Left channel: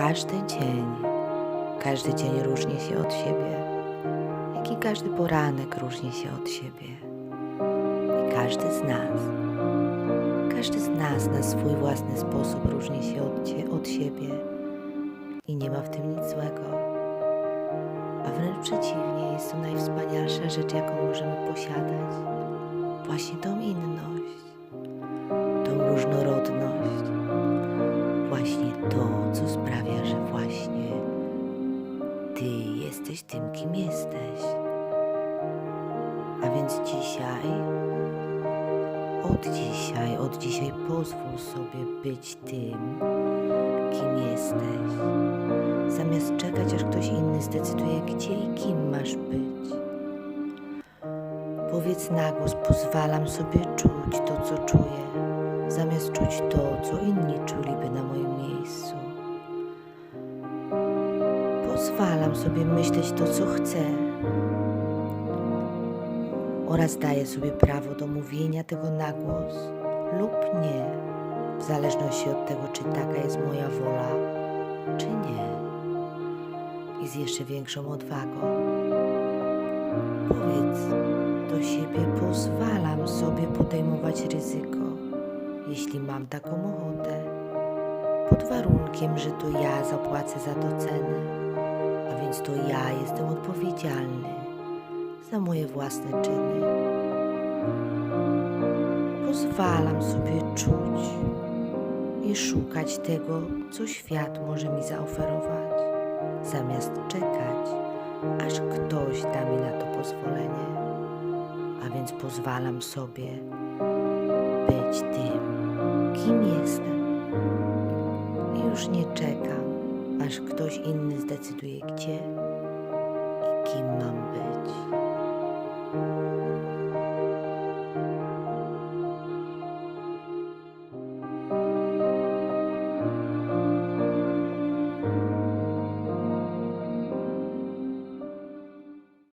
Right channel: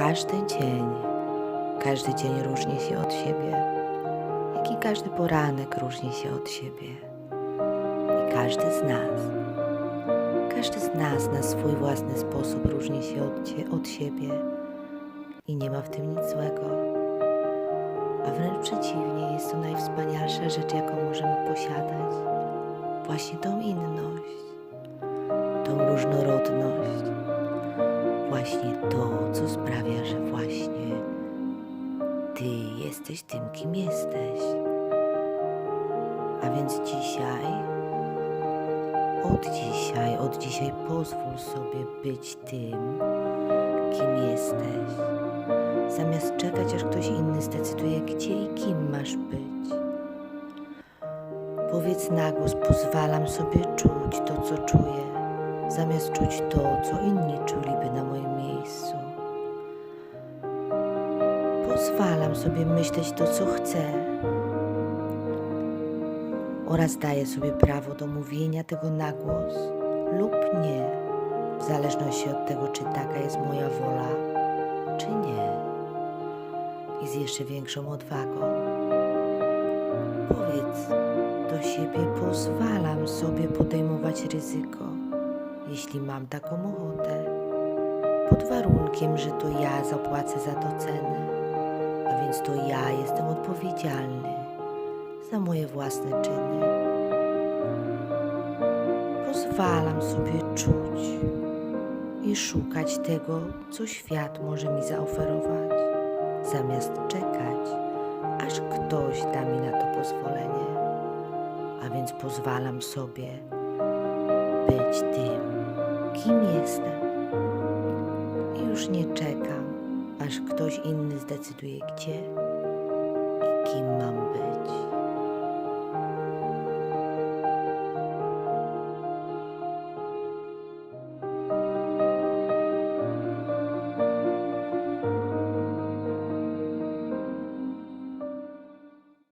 Każdy dzień, każdy dzień różni się od siebie, jak i każdy poranek różni się od siebie. I każdy z nas, każdy z nas na swój własny sposób różni się od, od siebie i nie ma w tym nic złego. A wręcz przeciwnie, jest to najwspanialsza rzecz, jaką możemy posiadać. Właśnie tą inność, tą różnorodność właśnie to, co sprawia, że właśnie Ty jesteś tym, kim jesteś. A więc dzisiaj, od dzisiaj, od dzisiaj pozwól sobie być tym, kim jesteś, zamiast czekać, aż ktoś inny zdecyduje, gdzie i kim masz być. Powiedz na głos, pozwalam sobie czuć to, co czuję, zamiast czuć to, co inni czuliby na moim miejscu. Pozwalam sobie myśleć to, co chcę, oraz daję sobie prawo do mówienia tego na głos lub nie, w zależności od tego, czy taka jest moja wola, czy nie. I z jeszcze większą odwagą. Powiedz do siebie, pozwalam sobie podejmować ryzyko, jeśli mam taką ochotę, pod warunkiem, że to ja zapłacę za to cenę, a więc to ja jestem odpowiedzialny za moje własne czyny. Pozwalam sobie czuć i szukać tego, co świat może mi zaoferować, zamiast czekać, aż ktoś da mi na to pozwolenie. A więc pozwalam sobie być tym, kim jestem. I już nie czekam, aż ktoś inny zdecyduje, gdzie i kim mam